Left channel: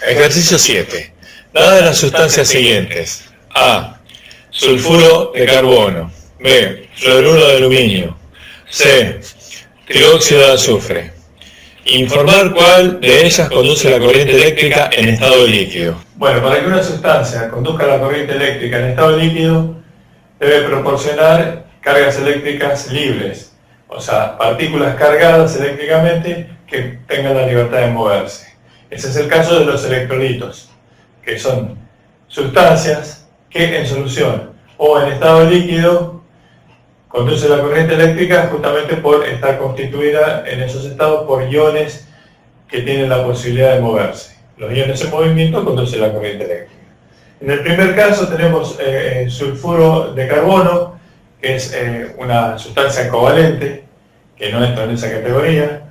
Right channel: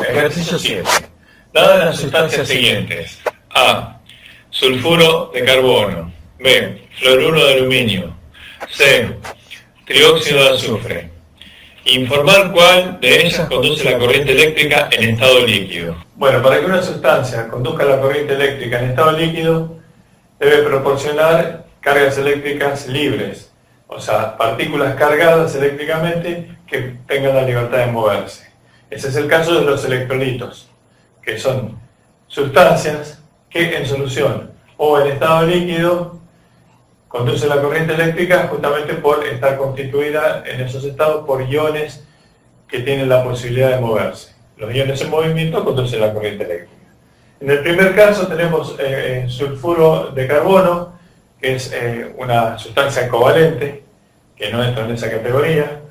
Ejercicio 7. Dadas las sustancias siguientes: A. Sulfuro de carbono. B. Fluoruro de aluminio. C. Trióxido de azufre. Informar cuál de ellas conduce la corriente eléctrica en estado líquido. Bueno, para que una sustancia conduzca la corriente eléctrica en estado líquido, debe proporcionar cargas eléctricas libres, o sea, partículas cargadas eléctricamente que tengan la libertad de moverse. Ese es el caso de los electrolitos, que son sustancias que en solución o en estado líquido conduce la corriente eléctrica justamente por estar constituida en esos estados por iones que tienen la posibilidad de moverse. Los iones en movimiento conducen la corriente eléctrica. En el primer caso tenemos sulfuro de carbono, que es una sustancia covalente, que no entra en esa categoría.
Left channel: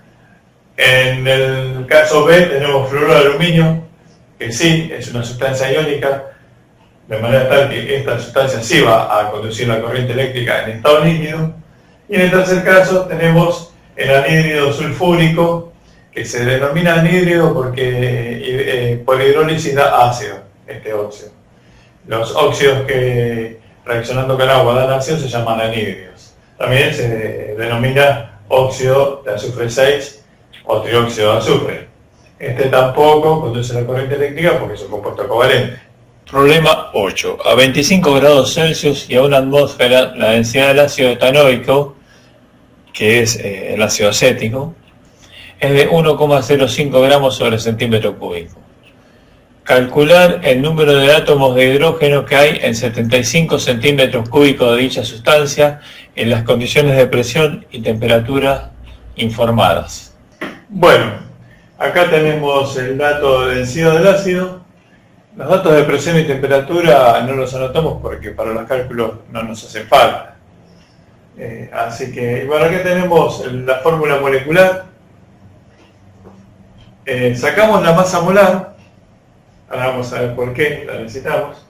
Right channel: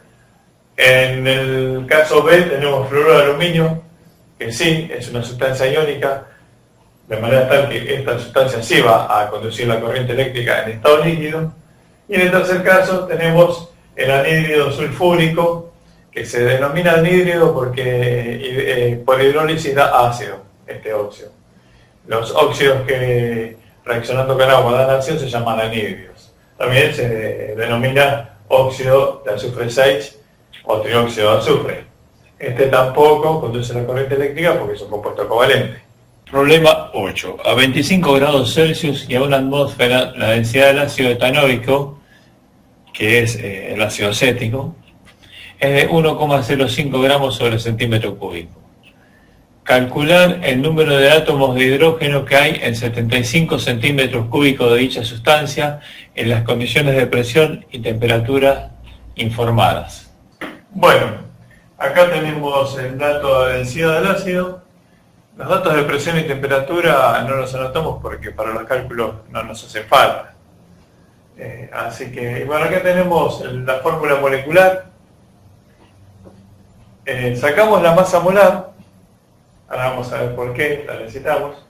En el caso B tenemos fluoruro de aluminio, que sí, es una sustancia iónica, de manera tal que esta sustancia sí va a conducir la corriente eléctrica en estado líquido. Y en el tercer caso tenemos el anhídrido sulfúrico, que se denomina anhídrido porque por hidrólisis da ácido, este óxido. Los óxidos que reaccionando con agua dan ácido se llaman anhídridos. También se denomina óxido de azufre 6 o trióxido de azufre. Este tampoco conduce la corriente eléctrica porque es un compuesto covalente. Problema 8. A 25 grados Celsius y a una atmósfera, la densidad del ácido etanoico, que es el ácido acético, es de 1,05 gramos sobre centímetro cúbico. Calcular el número de átomos de hidrógeno que hay en 75 centímetros cúbicos de dicha sustancia en las condiciones de presión y temperatura informadas. Bueno, acá tenemos el dato de densidad del ácido. Los datos de presión y temperatura no los anotamos porque para los cálculos no nos hace falta. Así que, bueno, acá tenemos la fórmula molecular. Sacamos la masa molar. Ahora vamos a ver por qué la necesitamos.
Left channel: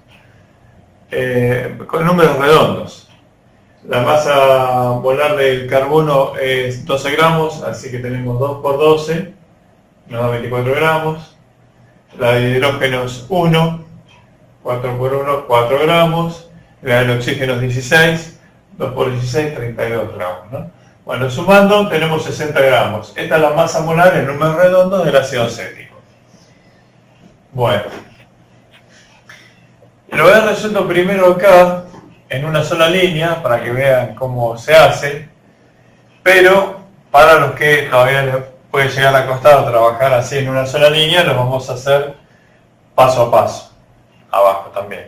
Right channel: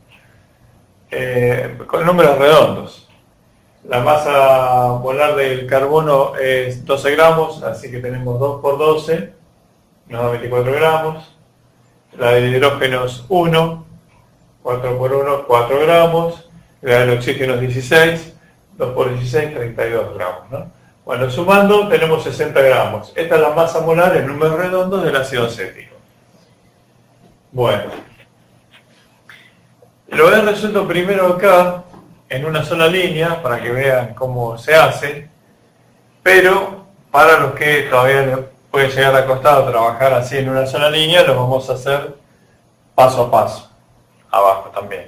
Con números redondos. La masa molar del carbono es 12 gramos, así que tenemos 2 por 12, nos da 24 gramos. La de hidrógeno es 1, 4 por 1, 4 gramos. La del oxígeno es 16, 2 por 16, 32 gramos, ¿no? Bueno, sumando tenemos 60 gramos. Esta es la masa molar en números redondos del ácido acético. Bueno, lo he resuelto primero acá, en una sola línea, para que vean cómo se hace, pero para los que todavía les puede llegar a costar trabajar así en una sola línea, lo vamos a hacer paso a paso, abajo también.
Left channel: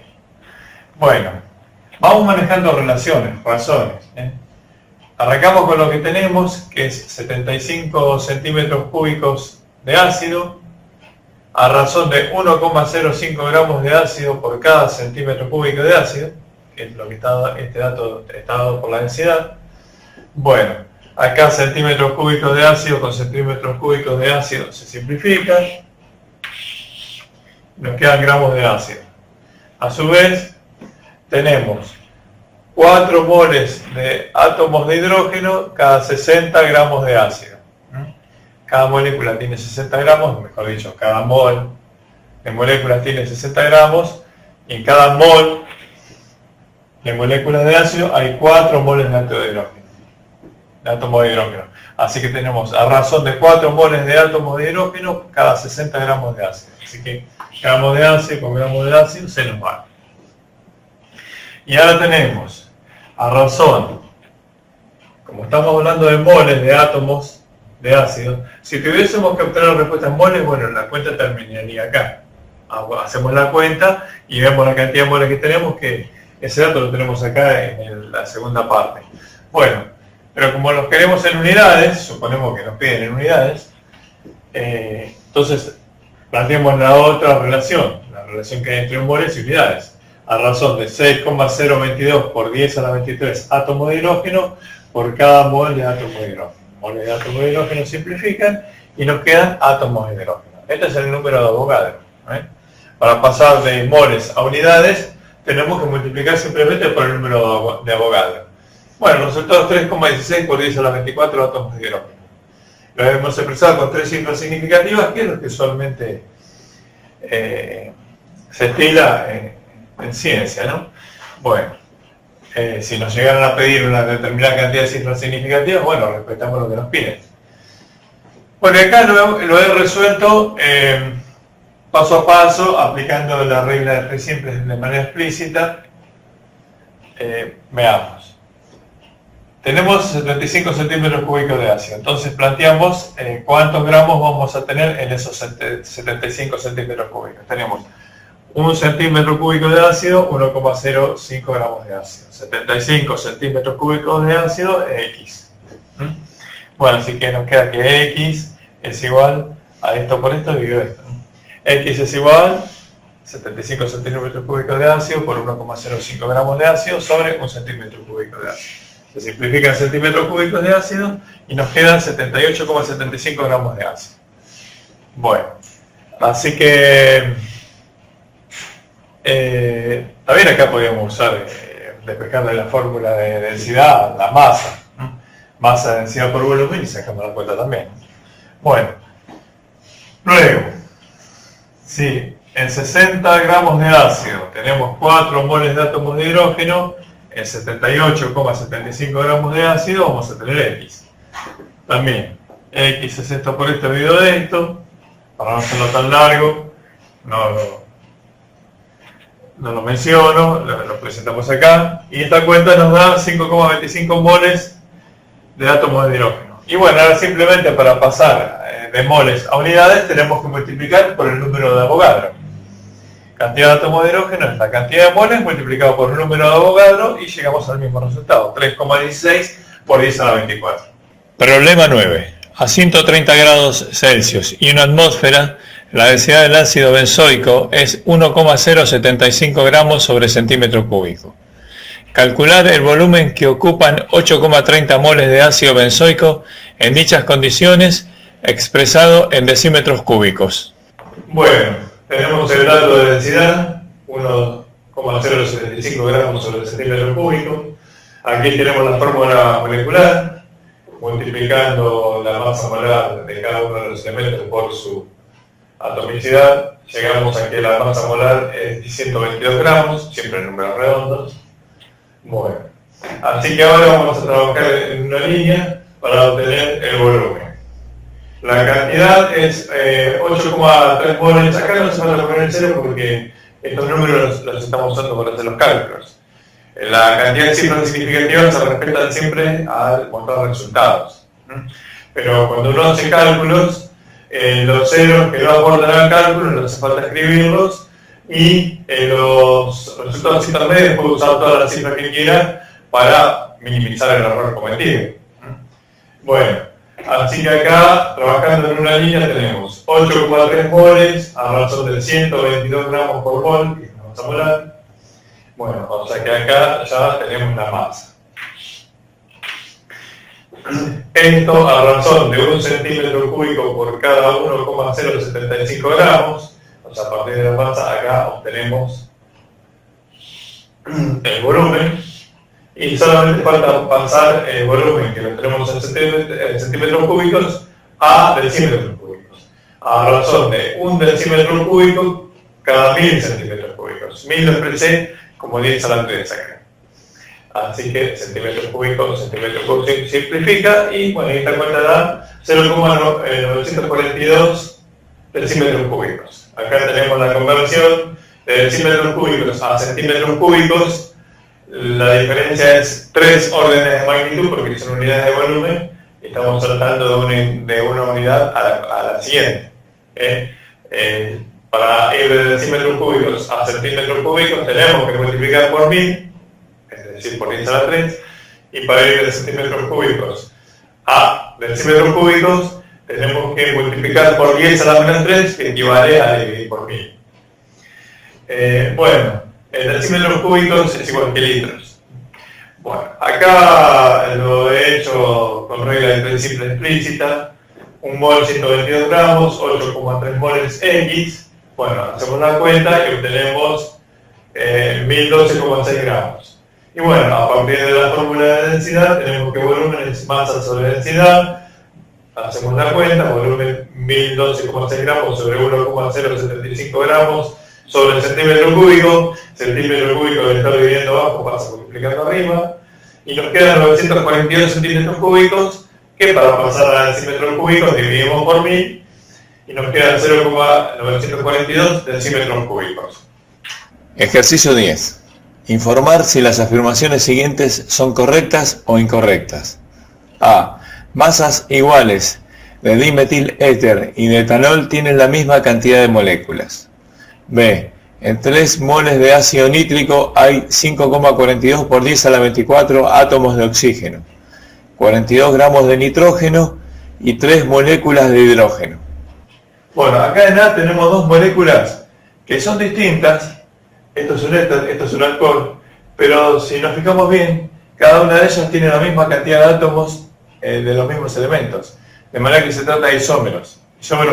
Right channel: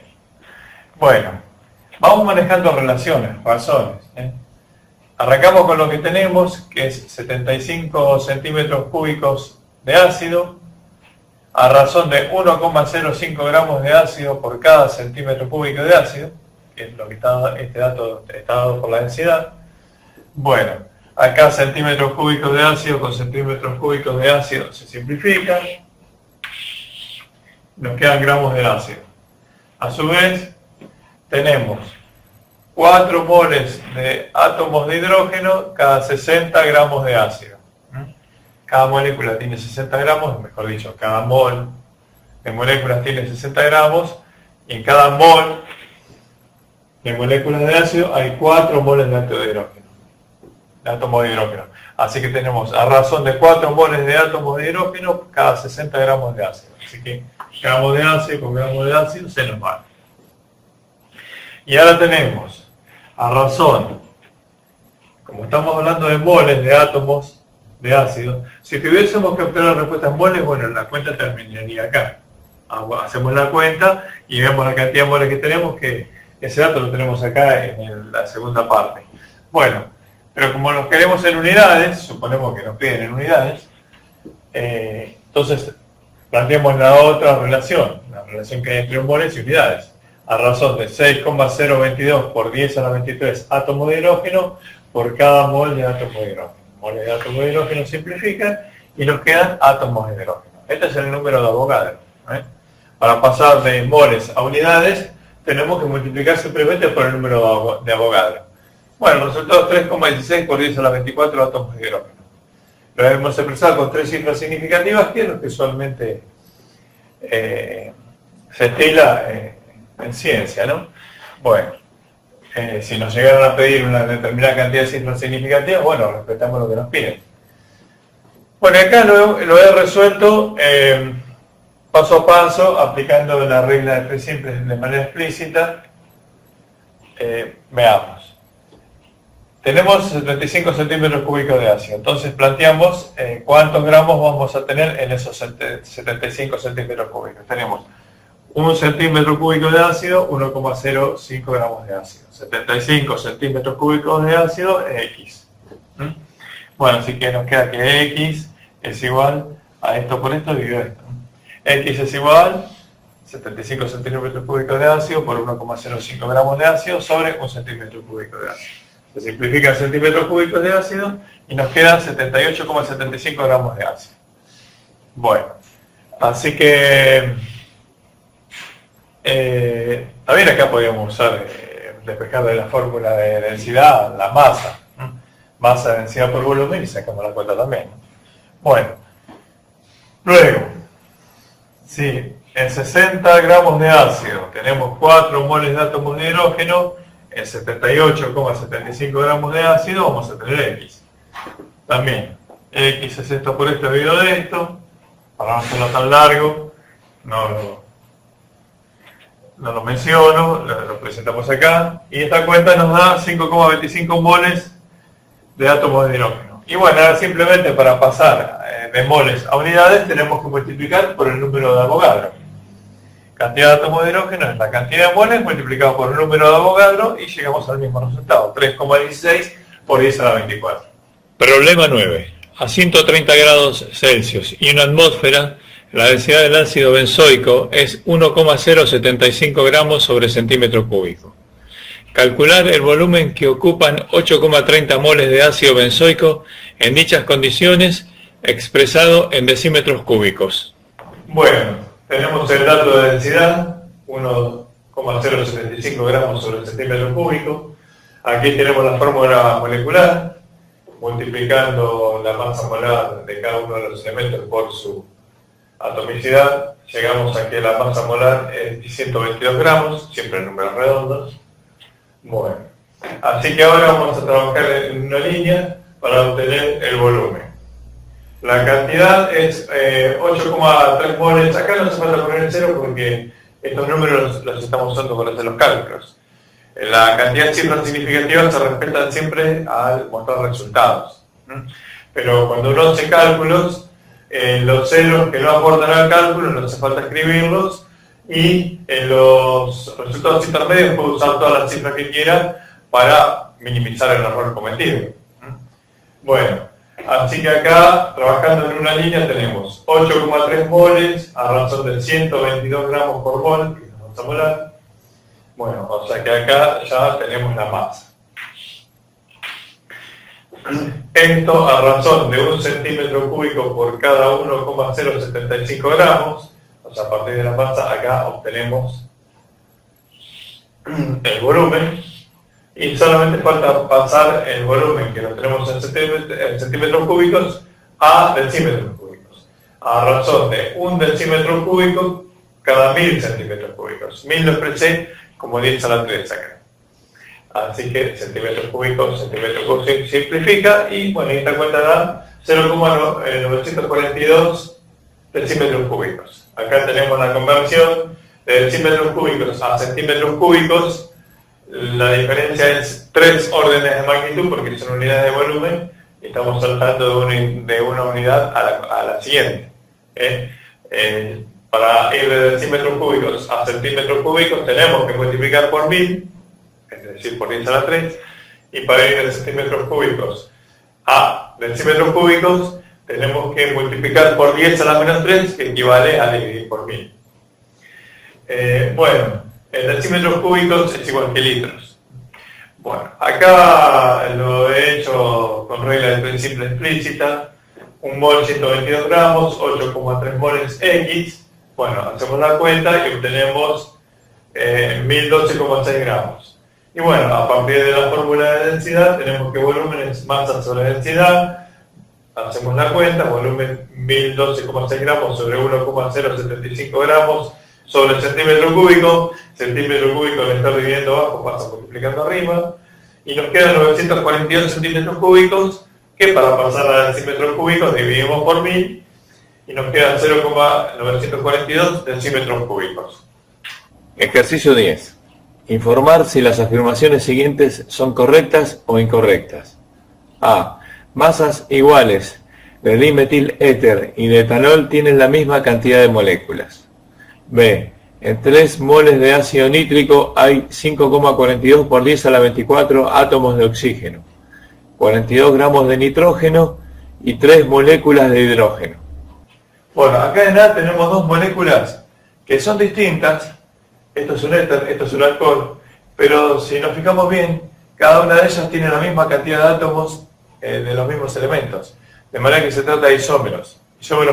Bueno, vamos manejando relaciones, razones. Arrancamos con lo que tenemos, que es 75 centímetros cúbicos de ácido, a razón de 1,05 gramos de ácido por cada centímetro cúbico de ácido, que es lo que está, este dato está dado por la densidad. Bueno, acá centímetros cúbicos de ácido con centímetros cúbicos de ácido se simplifican, nos quedan gramos de ácido. A su vez, tenemos 4 moles de átomos de hidrógeno cada 60 gramos de ácido. Cada molécula tiene 60 gramos, mejor dicho, cada mol de moléculas tiene 60 gramos, y en cada mol de moléculas de ácido hay 4 moles de átomo de hidrógeno. Así que tenemos a razón de 4 moles de átomos de hidrógeno cada 60 gramos de ácido. Así que gramos de ácido con gramos de ácido se nos va. Y ahora tenemos a razón, como estamos hablando de moles de átomos de ácido, si tuviésemos que obtener la respuesta en moles, bueno, la cuenta terminaría acá. Hacemos la cuenta y vemos la cantidad de moles que tenemos, que ese dato lo tenemos acá en la segunda parte. Bueno, pero como los queremos en unidades, suponemos que nos piden en unidades, entonces planteemos la otra relación, la relación que hay entre moles y unidades, a razón de 6,022 por 10 a la 23 átomos de hidrógeno por cada mol de átomo de hidrógeno. Moles de átomos de hidrógeno simplifican y nos quedan átomos de hidrógeno. Este es el número de Avogadro. Para pasar de moles a unidades, tenemos que multiplicar simplemente por el número de Avogadro. Bueno, el resultado es 3,16 por 10 a la 24 átomos de hidrógeno. Lo hemos expresado con 3 cifras significativas, que es lo que usualmente se estila en ciencia, ¿no? Bueno, si nos llegaron a pedir una determinada cantidad de cifras significativas, bueno, respetamos lo que nos piden. Bueno, acá lo he resuelto paso a paso, aplicando la regla de 3 simples de manera explícita. Veamos. Tenemos 75 centímetros cúbicos de ácido, entonces planteamos cuántos gramos vamos a tener en esos 75 centímetros cúbicos. Tenemos 1 centímetro cúbico de ácido, 1,05 gramos de ácido. 75 centímetros cúbicos de ácido es X. Bueno, así que nos queda que X es igual a esto por esto dividido esto. X es igual 75 centímetros cúbicos de ácido por 1,05 gramos de ácido sobre 1 centímetro cúbico de ácido. Se simplifican centímetros cúbicos de ácido y nos quedan 78,75 gramos de ácido. Bueno, así que también acá podríamos usar, despejar de la fórmula de densidad, la masa. Masa, densidad por volumen y sacamos la cuenta también. Bueno, luego, si en 60 gramos de ácido tenemos 4 moles de átomos de hidrógeno, en 78,75 gramos de ácido vamos a tener X. También, X es esto por esto dividido de esto, para no hacerlo tan largo, no lo menciono, lo presentamos acá, y esta cuenta nos da 5,25 moles de átomos de hidrógeno. Y bueno, ahora simplemente para pasar de moles a unidades tenemos que multiplicar por el número de Avogadro. Cantidad de átomos de hidrógeno es la cantidad de moles multiplicado por el número de Avogadro y llegamos al mismo resultado, 3,16 por 10 a la 24. Problema 9. A 130 grados Celsius y una atmósfera, la densidad del ácido benzoico es 1,075 gramos sobre centímetro cúbico. Calcular el volumen que ocupan 8,30 moles de ácido benzoico en dichas condiciones, expresado en decímetros cúbicos. Bueno, tenemos el dato de densidad, 1,075 gramos sobre centímetro cúbico. Aquí tenemos la fórmula molecular, multiplicando la masa molar de cada uno de los elementos por su atomicidad. Llegamos a que la masa molar es 122 gramos, siempre en números redondos. Bueno, así que ahora vamos a trabajar en una línea para obtener el volumen. La cantidad es 8,3 moles. Acá no hace falta poner el cero porque estos números los estamos usando para hacer los cálculos. La cantidad de cifras significativas se respetan siempre al mostrar resultados. Pero cuando uno hace cálculos, los ceros que no aportan al cálculo no hace falta escribirlos, y en los resultados intermedios puede usar todas las cifras que quiera para minimizar el error cometido. Bueno, así que acá, trabajando en una línea, tenemos 8,3 moles a razón de 122 gramos por mol, que es la masa molar. Bueno, o sea que acá ya tenemos la masa. Esto a razón de 1 centímetro cúbico por cada 1,075 gramos, o sea, a partir de la masa acá obtenemos el volumen, y solamente falta pasar el volumen que lo tenemos en centímetros cúbicos a decímetros cúbicos, a razón de 1 decímetro cúbico cada 1000 centímetros cúbicos. 1000 lo expresé como 10 a la 3 acá. Así que centímetros cúbicos simplifica, y bueno, esta cuenta da 0,942 decímetros cúbicos. Acá tenemos la conversión de decímetros cúbicos a centímetros cúbicos. La diferencia es 3 órdenes de magnitud porque son unidades de volumen. Estamos saltando de una unidad a la siguiente. Para ir de decímetros cúbicos a centímetros cúbicos tenemos que multiplicar por 1000, es decir, por 10 a la 3. Y para ir de centímetros cúbicos a decímetros cúbicos tenemos que multiplicar por 10 a la menos 3, que equivale a dividir por 1000. Bueno, en decímetros cúbicos es igual que litros. Bueno, acá lo he hecho con regla de 3 simple explícita. Un mol 122 gramos, 8,3 moles X. Bueno, hacemos la cuenta y obtenemos 1012,6 gramos. Y bueno, a partir de la fórmula de densidad tenemos que volumen es masa sobre densidad. Hacemos la cuenta, volumen 1012,6 gramos sobre 1,075 gramos sobre el centímetro cúbico al estar dividiendo abajo pasa multiplicando arriba, y nos quedan 942 centímetros cúbicos, que para pasar a decímetros cúbicos dividimos por 1000, y nos quedan 0,942 decímetros cúbicos. Ejercicio 10. Informar si las afirmaciones siguientes son correctas o incorrectas. A. Masas iguales de dimetiléter y de etanol tienen la misma cantidad de moléculas. B. En 3 moles de ácido nítrico hay 5,42 por 10 a la 24 átomos de oxígeno, 42 gramos de nitrógeno y 3 moléculas de hidrógeno. Bueno, acá en A tenemos 2 moléculas que son distintas. Esto es un éter, esto es un alcohol, pero si nos fijamos bien, cada una de ellas tiene la misma cantidad de átomos de los mismos elementos, de manera que se trata de isómeros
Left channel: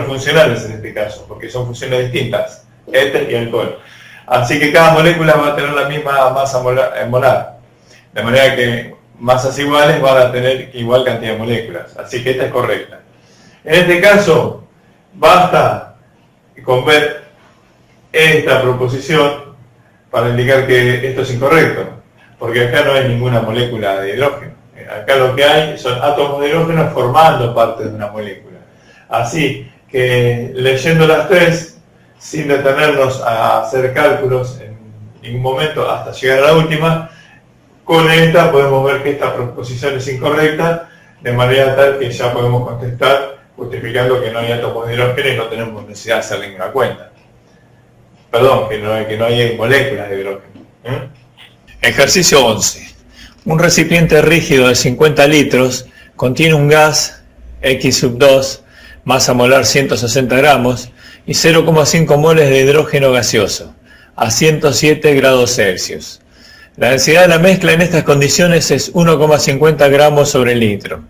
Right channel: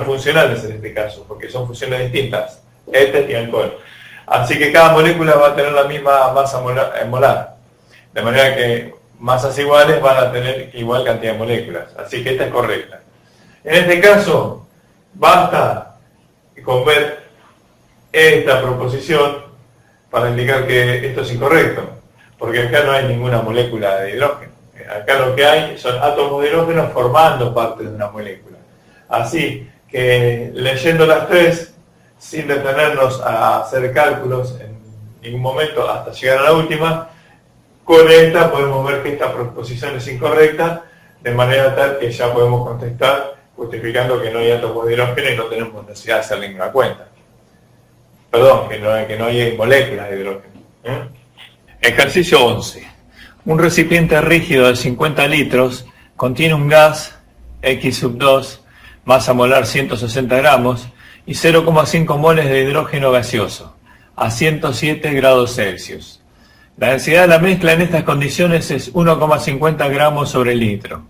funcionales en este caso, porque son funciones distintas, éter y alcohol. Así que cada molécula va a tener la misma masa molar, de manera que masas iguales van a tener igual cantidad de moléculas, así que esta es correcta. En este caso, basta con ver esta proposición para indicar que esto es incorrecto, porque acá no hay ninguna molécula de hidrógeno. Acá lo que hay son átomos de hidrógeno formando parte de una molécula. Así que leyendo las tres, sin detenernos a hacer cálculos en ningún momento hasta llegar a la última, con esta podemos ver que esta proposición es incorrecta, de manera tal que ya podemos contestar justificando que no hay átomos de hidrógeno y no tenemos necesidad de hacer ninguna cuenta. Perdón, que no hay moléculas de hidrógeno. Ejercicio 11. Un recipiente rígido de 50 litros contiene un gas X2, masa molar 160 gramos, y 0,5 moles de hidrógeno gaseoso, a 107 grados Celsius. La densidad de la mezcla en estas condiciones es 1,50 gramos sobre litro.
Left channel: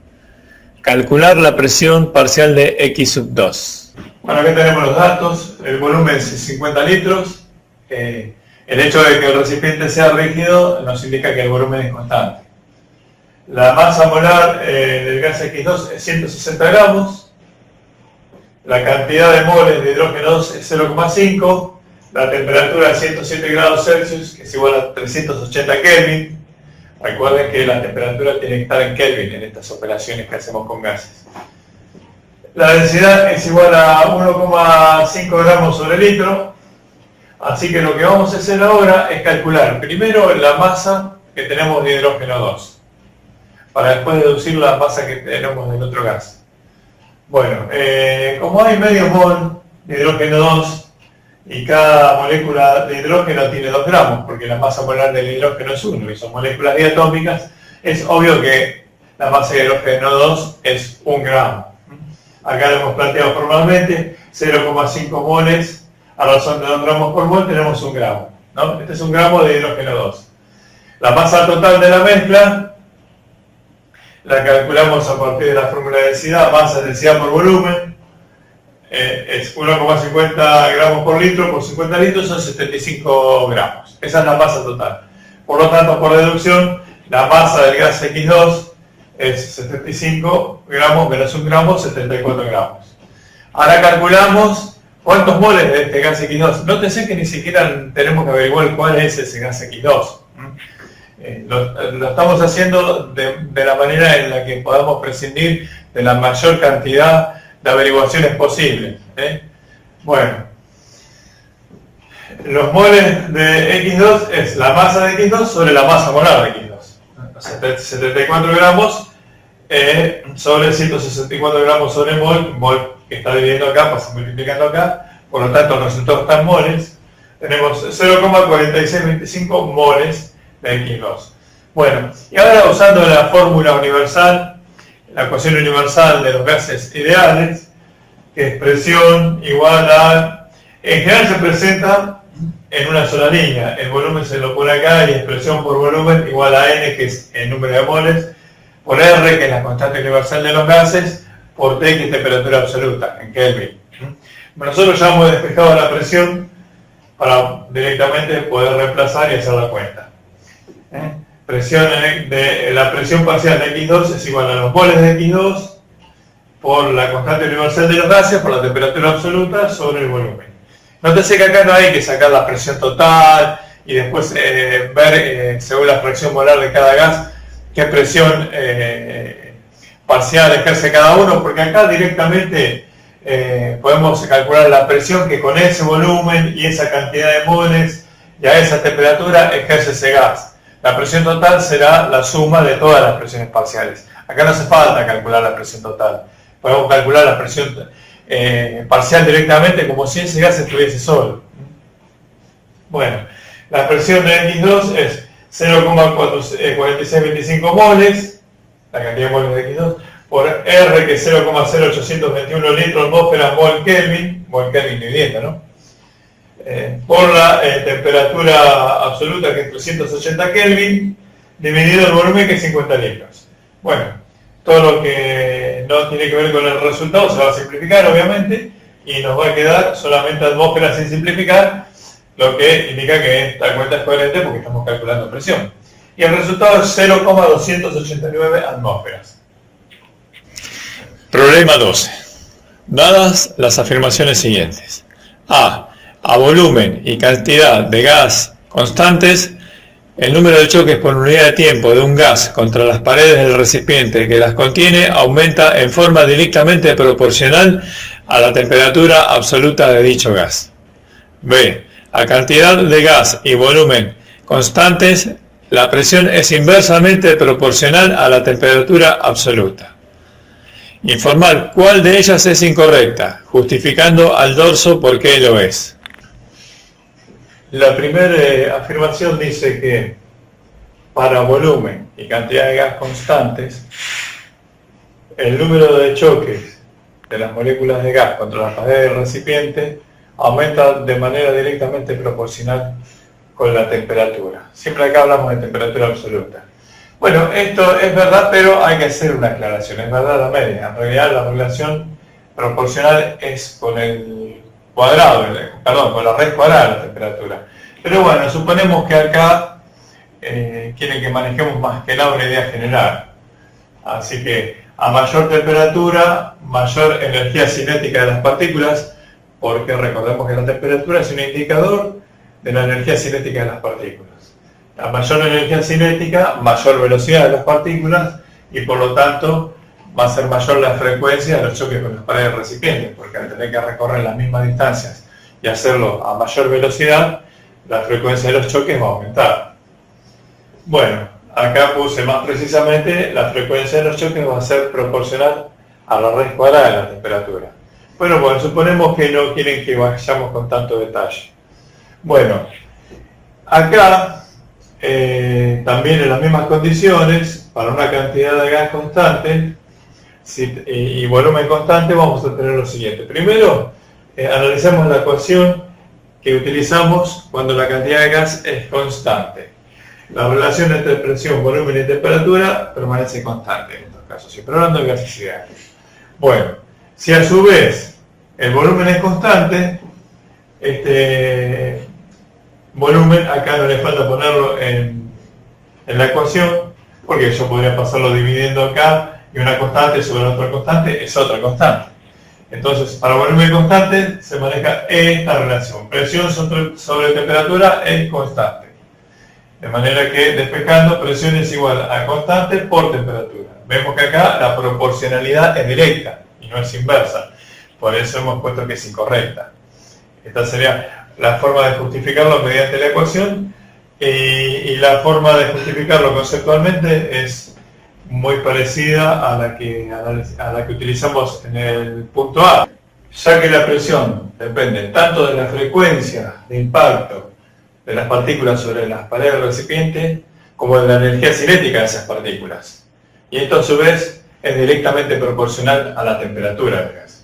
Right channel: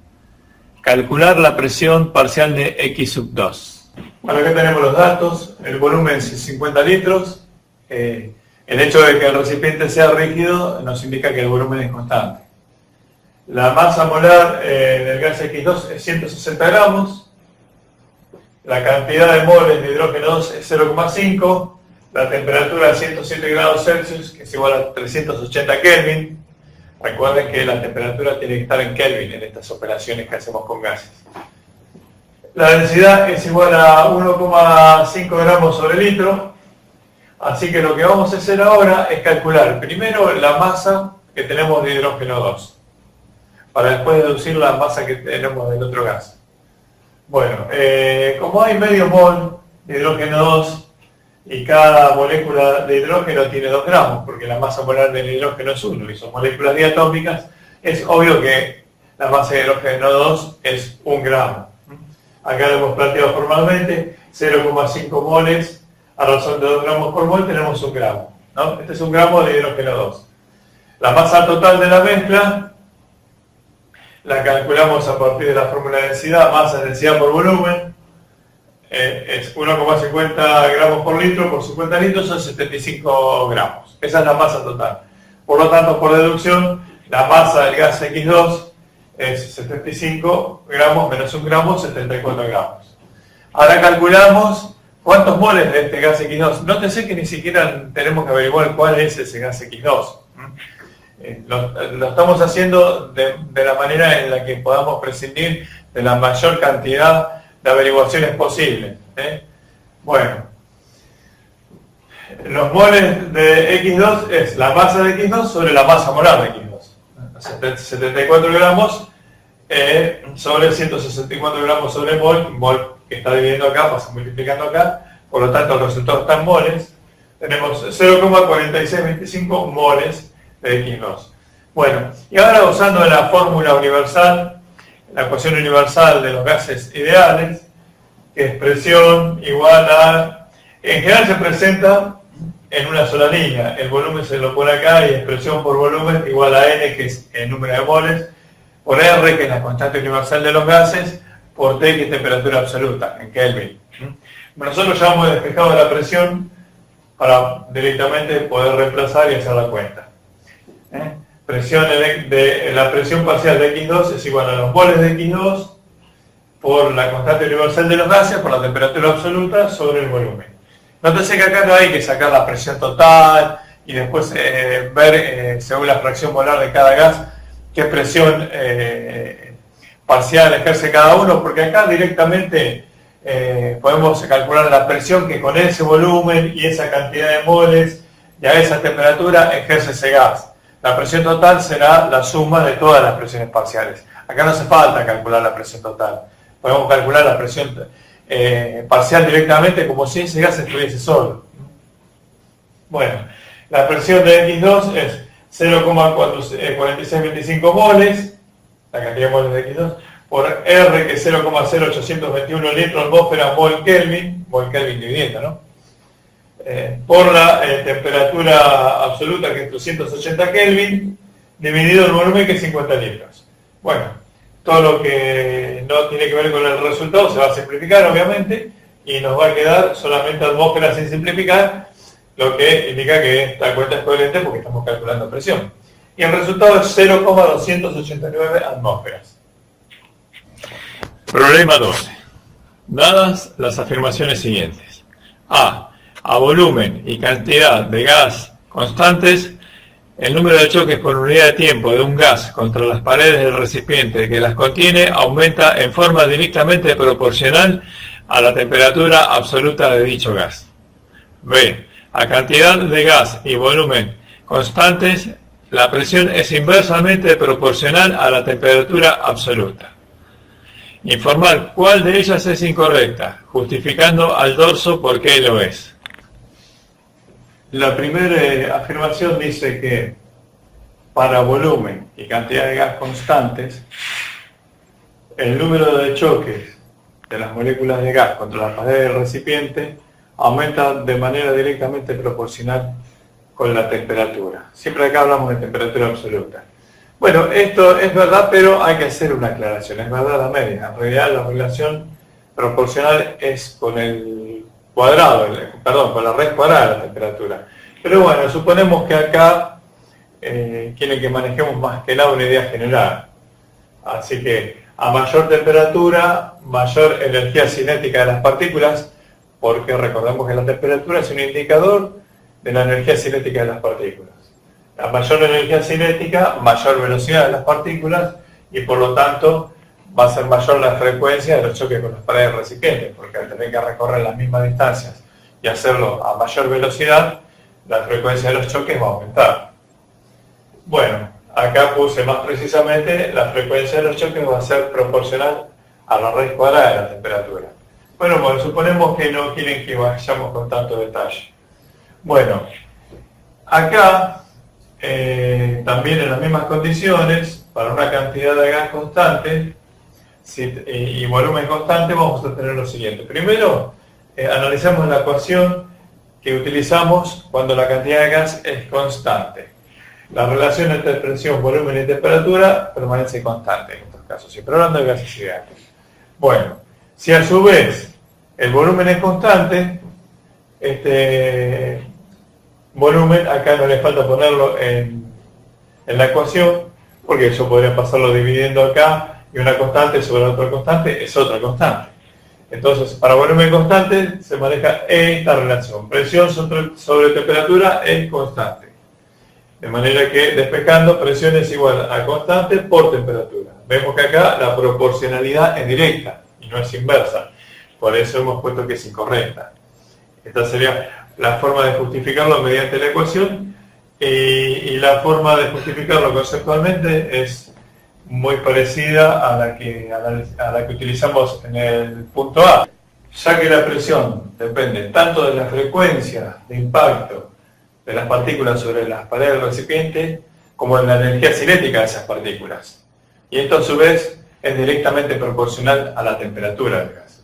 Calcular la presión parcial de X2. Bueno, aquí tenemos los datos, el volumen es 50 litros, el hecho de que el recipiente sea rígido nos indica que el volumen es constante. La masa molar del gas X2 es 160 gramos, la cantidad de moles de hidrógeno 2 es 0,5, la temperatura es 107 grados Celsius, que es igual a 380 Kelvin. Recuerden que la temperatura tiene que estar en Kelvin en estas operaciones que hacemos con gases. La densidad es igual a 1,5 gramos sobre litro, así que lo que vamos a hacer ahora es calcular primero la masa que tenemos de hidrógeno 2, para después deducir la masa que tenemos del otro gas. Bueno, como hay medio mol de hidrógeno 2 y cada molécula de hidrógeno tiene 2 gramos, porque la masa molar del hidrógeno es 1 y son moléculas diatómicas, es obvio que la masa de hidrógeno 2 es 1 gramo. Acá lo hemos planteado formalmente, 0,5 moles a razón de 2 gramos por mol tenemos 1 gramo, ¿no? Este es 1 gramo de hidrógeno 2. La masa total de la mezcla la calculamos a partir de la fórmula de densidad, masa es densidad por volumen, es 1,50 gramos por litro, por 50 litros son 75 gramos. Esa es la masa total. Por lo tanto, por deducción, la masa del gas X2 es 75 gramos menos 1 gramo, 74 gramos. Ahora calculamos cuántos moles de este gas X2. Nótense que ni siquiera tenemos que averiguar cuál es ese gas X2. Lo estamos haciendo de la manera en la que podamos prescindir de la mayor cantidad de averiguaciones posibles. Bueno, los moles de X2 es la masa de X2 sobre la masa molar de X2. 74 gramos sobre 164 gramos sobre mol que está dividiendo acá, pasa multiplicando acá, por lo tanto el resultado está en moles. Tenemos 0,4625 moles de X2. Bueno, y ahora usando la fórmula universal, la ecuación universal de los gases ideales, que es presión igual a... En general se presenta en una sola línea, el volumen se lo pone acá y es presión por volumen igual a N, que es el número de moles, por R, que es la constante universal de los gases, por T, que es temperatura absoluta, en Kelvin. Nosotros ya hemos despejado la presión para directamente poder reemplazar y hacer la cuenta. La presión parcial de X2 es igual a los moles de X2 por la constante universal de los gases por la temperatura absoluta sobre el volumen. Nótese que acá no hay que sacar la presión total y después ver, según la fracción molar de cada gas, qué presión parcial ejerce cada uno, porque acá directamente podemos calcular la presión que con ese volumen y esa cantidad de moles y a esa temperatura ejerce ese gas. La presión total será la suma de todas las presiones parciales. Acá no hace falta calcular la presión total. Podemos calcular la presión parcial directamente como si ese gas estuviese solo. Bueno, la presión de X2 es 0,4625 moles, la cantidad de moles de X2, por R, que es 0,0821 litros atmósfera mol Kelvin vivienda, ¿no? Por la temperatura absoluta, que es 380 Kelvin, dividido el volumen, que es 50 litros. Bueno, todo lo que no tiene que ver con el resultado se va a simplificar, obviamente, y nos va a quedar solamente atmósfera sin simplificar, lo que indica que esta cuenta es coherente porque estamos calculando presión. Y el resultado es 0,289 atmósferas. Problema 12. Dadas las afirmaciones siguientes. A volumen y cantidad de gas constantes, el número de choques por unidad de tiempo de un gas contra las paredes del recipiente que las contiene aumenta en forma directamente proporcional a la temperatura absoluta de dicho gas. B. A cantidad de gas y volumen constantes, la presión es inversamente proporcional a la temperatura absoluta. Informar cuál de ellas es incorrecta, justificando al dorso por qué lo es. La primera afirmación dice que para volumen y cantidad de gas constantes, el número de choques de las moléculas de gas contra la pared del recipiente aumenta de manera directamente proporcional con la temperatura. Siempre acá hablamos de temperatura absoluta. Bueno, esto es verdad, pero hay que hacer una aclaración. Es verdad la media. En realidad la relación proporcional es con el cuadrado, con la raíz cuadrada de la temperatura. Pero bueno, suponemos que acá quieren que manejemos más que nada una idea general. Así que a mayor temperatura, mayor energía cinética de las partículas, porque recordemos que la temperatura es un indicador de la energía cinética de las partículas. A mayor energía cinética, mayor velocidad de las partículas y por lo tanto va a ser mayor la frecuencia de los choques con las paredes del recipiente, porque al tener que recorrer las mismas distancias y hacerlo a mayor velocidad, la frecuencia de los choques va a aumentar. Bueno, acá puse más precisamente la frecuencia de los choques va a ser proporcional a la raíz cuadrada de la temperatura. Bueno, suponemos que no quieren que vayamos con tanto detalle. Bueno, acá también en las mismas condiciones, para una cantidad de gas constante y volumen constante, vamos a tener lo siguiente. Primero, analizamos la ecuación que utilizamos cuando la cantidad de gas es constante. La relación entre presión, volumen y temperatura permanece constante en estos casos, siempre hablando de gases ideales. Bueno, si a su vez el volumen es constante, este volumen acá no le falta ponerlo en la ecuación, porque yo podría pasarlo dividiendo acá y una constante sobre otra constante es otra constante. Entonces, para volumen constante se maneja esta relación, presión sobre temperatura es constante. De manera que, despejando, presión es igual a constante por temperatura. Vemos que acá la proporcionalidad es directa y no es inversa. Por eso hemos puesto que es incorrecta. Esta sería la forma de justificarlo mediante la ecuación y la forma de justificarlo conceptualmente es muy parecida a la que utilizamos en el punto A, ya que la presión depende tanto de la frecuencia de impacto de las partículas sobre las paredes del recipiente como de la energía cinética de esas partículas. Y esto a su vez es directamente proporcional a la temperatura del gas.